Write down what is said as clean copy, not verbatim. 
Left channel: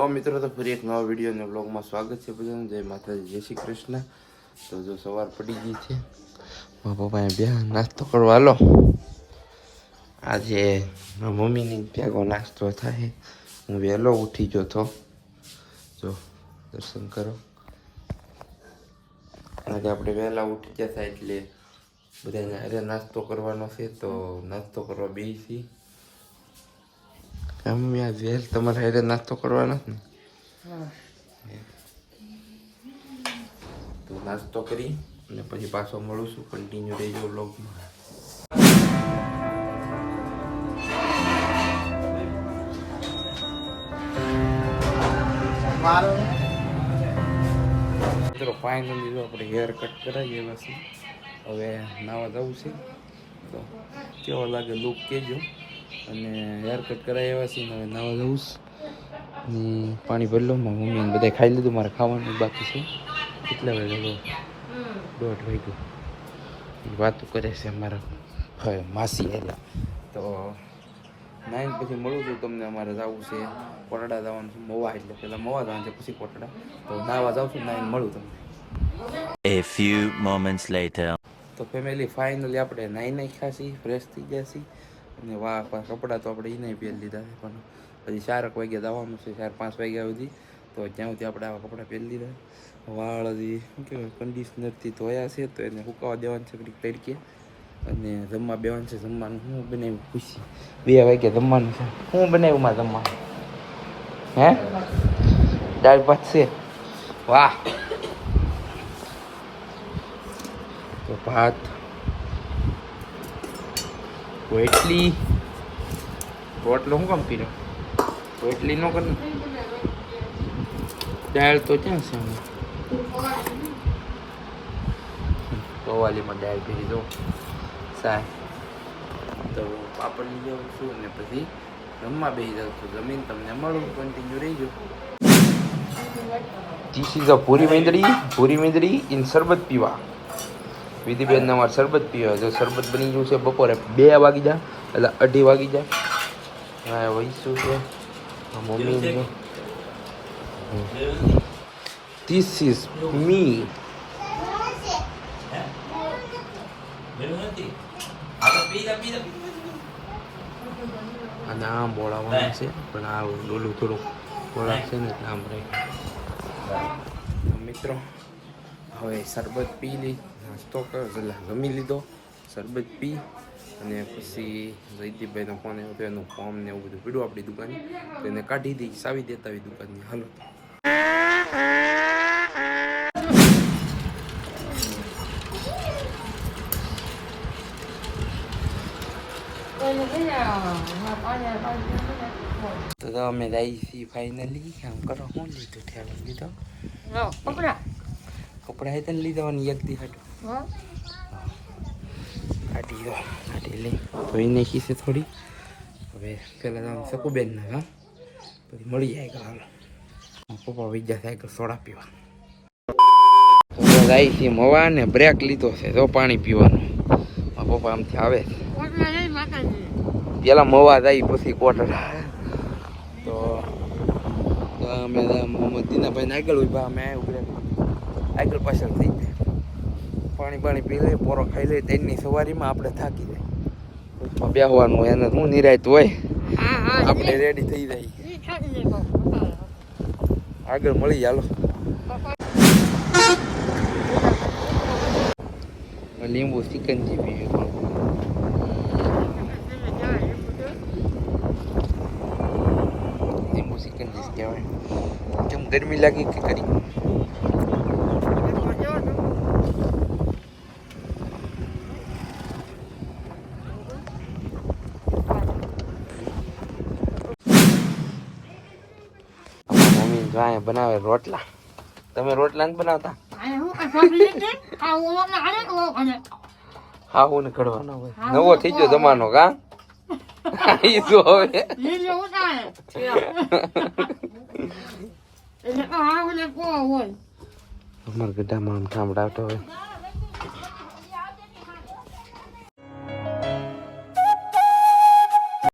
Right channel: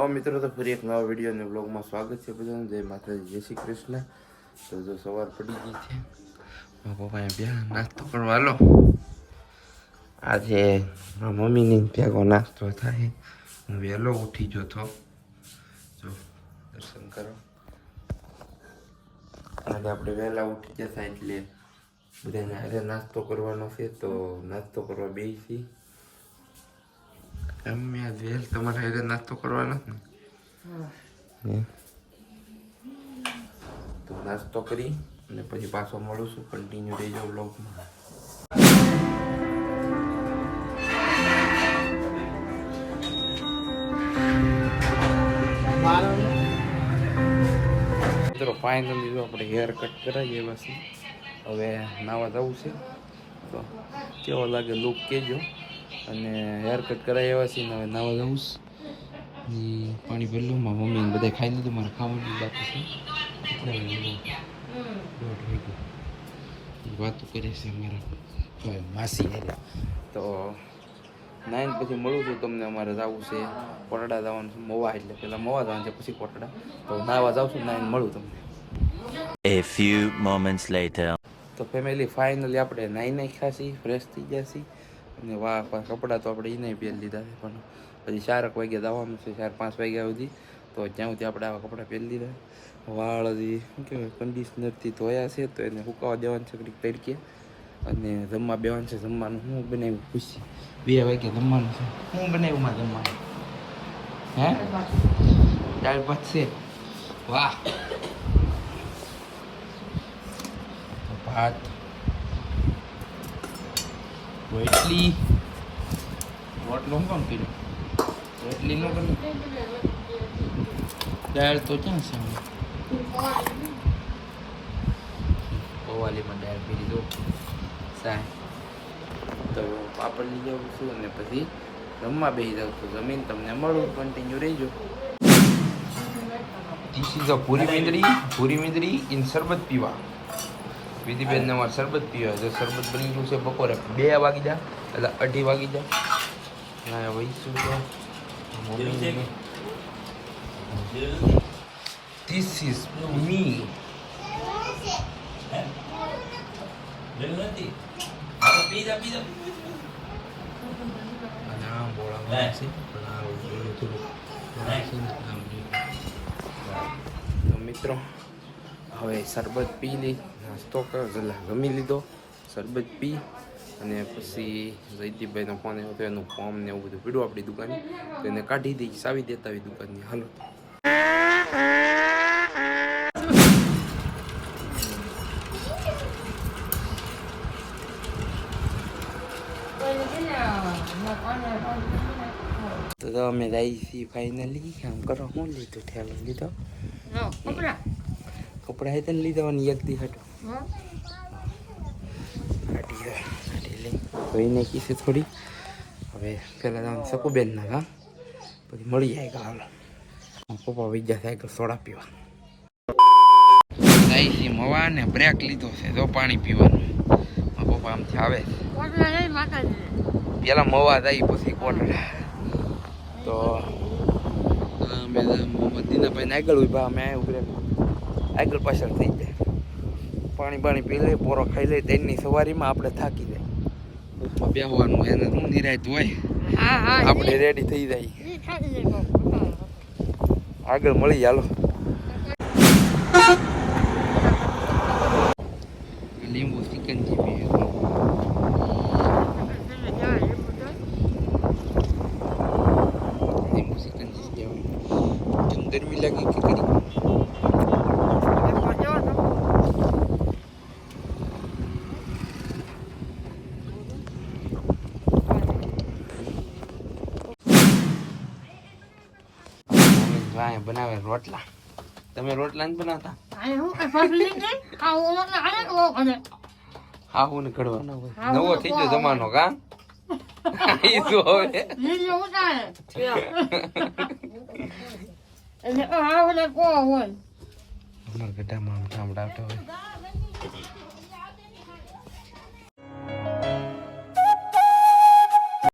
નવા મિત્રો તો ફરી એક નવા વિડીયો અને બ્લોગમાં સ્વાગત છે બધાનું. જય માતાજી, જય શ્રી કૃષ્ણ. તો જો સવાર પડી ગઈ છે, મારા પપ્પાએ બે નાસ્તો કરવા હાલો. આજે મારા મમ્મીની ભેગો નાસ્તો થાય. હું વહેલો ઉઠી ગયો તો, જો દર્શન કરો. આજે આપણે વહેલા ઉઠી જતા એટલે બધાને આજે નાસ્તો કરવાનો છે, તો નાસ્તો કરવા બેસી. મમ્મી આજ વહેલ તમારા હારે નાસ્તો કરવાનો ને, તો નાસ્તો કરી અને પછી પાછો મળું છું. કન્ટિન્યુ રહેજો વ્લોગમાં. મિત્રો ફાઇનલી જો આપણે હેર કટ કરાવીએ પછી હવે નાવા જવું છે. તો કેવો લાગે લુક કહેજો. અને હેર કટ કરાવી એવા છે ને હવે નાવા જવું ને પાણી ભરી લો. મારા મમ્મીને બધા ખાઈ લીધું, મારે ખાવાનું બાકી છે. કેટલા વાગે? 1:30 વાગ્યો. વાતો કરે છે અમારા માસી હારે. તો 9 પછી મળું છું તમને. અમારે જવું છે કોટડા જવાનું છે, મોવા. એટલે પહેલાં મોવા જવાનું છે, પછી કોટડા. તો નાવા જાઉં છું, 9 મળું તમને. A few moments later. તો ફેમિલી ફાઇનલી આપણે નાઈ ખાસી ફ્રેશ થઈ ગયા છીએ. અને કપડાં તો આપણે એને પહેરી લીધા છે, પણ પછી 4 વાગ્યા જવાનું છે, 4-5 વાગ્યા સુધી. તો જ્યાં સુધી આપણે આવા કપડાં પહેરી લીધા. વાળ હજી શું કહેવાય કન્ડિશનરથી ધોયા છે, તો એને સુકાવા દેવાનું છે ઘડીક તડકે. અને જમવા બેવાનું છે. જમવાનું હું બનાવ્યું ખુશી 2 વાગ્યા જમવાનું છે. હું બનાવ્યું માં જમવાનું? હે, દાળ ભાત છે. વાહ! તો ભાત, રોટલી. રોટલો શું કામ પીરો? રોટલી ન કરી. દાળ તો ક્યાં છે? કવાલીમાં દાળ પીરી દઉં. સાય તો પાપડ લઈ જાઉં છું અને પછી જમવા બેસી જાઉં છું. જમીન તમને મળું, કન્ટિન્યુ રહીજો. ધીસ ઇઝ અ પૂરી મીંદડી ઇન શરબત પીવા. વિધિબેન અમારે શરબત પીવા. જો શરબત બની ગયું છે. બપોરે 2 વાગી જાય એટલે 2:30 વાગી જાય. હા વહીશું છે. ધીસ ઇઝ મી. અને આમ બોલાવવાનું છે, પણ આ ડોલું થોડું બોલાવ છે ને આમ રહી. મિત્રો હવે શરબત પી લઈ, નાસ્તો જમી લીધો, શરબત પી અને પછી જયદીપભાઈનો ફોન આવ્યો હતો. એનું ફોર્મ ને એવું બધું પીડ્યું આપણી દુકાને, તો એને કાઢી દઈ, સાવી દેતા આવી દુકાનની. હાલો તો અમે જઈ છીએ ફાઇનલી. આમ કરો, શું લીધું? ખ્યાલ લીધો કપડા હે તને લીધા અને એક દી હટો કાઢી લઈ નાખી છે થોડી. હવે પેલા આમ શકુબેન ના હા પછી મળી જાય. હાલો પપ્પા વિદ્યા સાયકલ સોડા પીવા. તો જાય છે મવા ને બ્રેક લીધો છે. જો પાણી પીવાનું. પપ્પા આમથી આવે પેલા મવા જાય પછી કોટડા. તો અમે દીનાભાઈને આગળ ઉભા, અમે ઉભરે આગળ પાછળ થઈ જાય. પાણી પી લે, પોરો ખાઈ લે. તેની સવારીમાં આપણે થાકી જાય. બસમાં બેસવાનું એને શું નિરાયત હોય. આપણે રેડી થઈ જાય. આગળ મળી. હાલો લીંબુ ચિકનજી પીવે. લીંબુ ચિકનજી કહેવાય. કેમ ગરમી લાગી કે કરી? બનાવે રોટલા. તમે રોટલા નથી બનાવતા? હા હું ને ઘડવાનો નવો થઈ ગયો જમાનો. કા અમારા ગઢામાં આમ ઠામડાવતો હોય.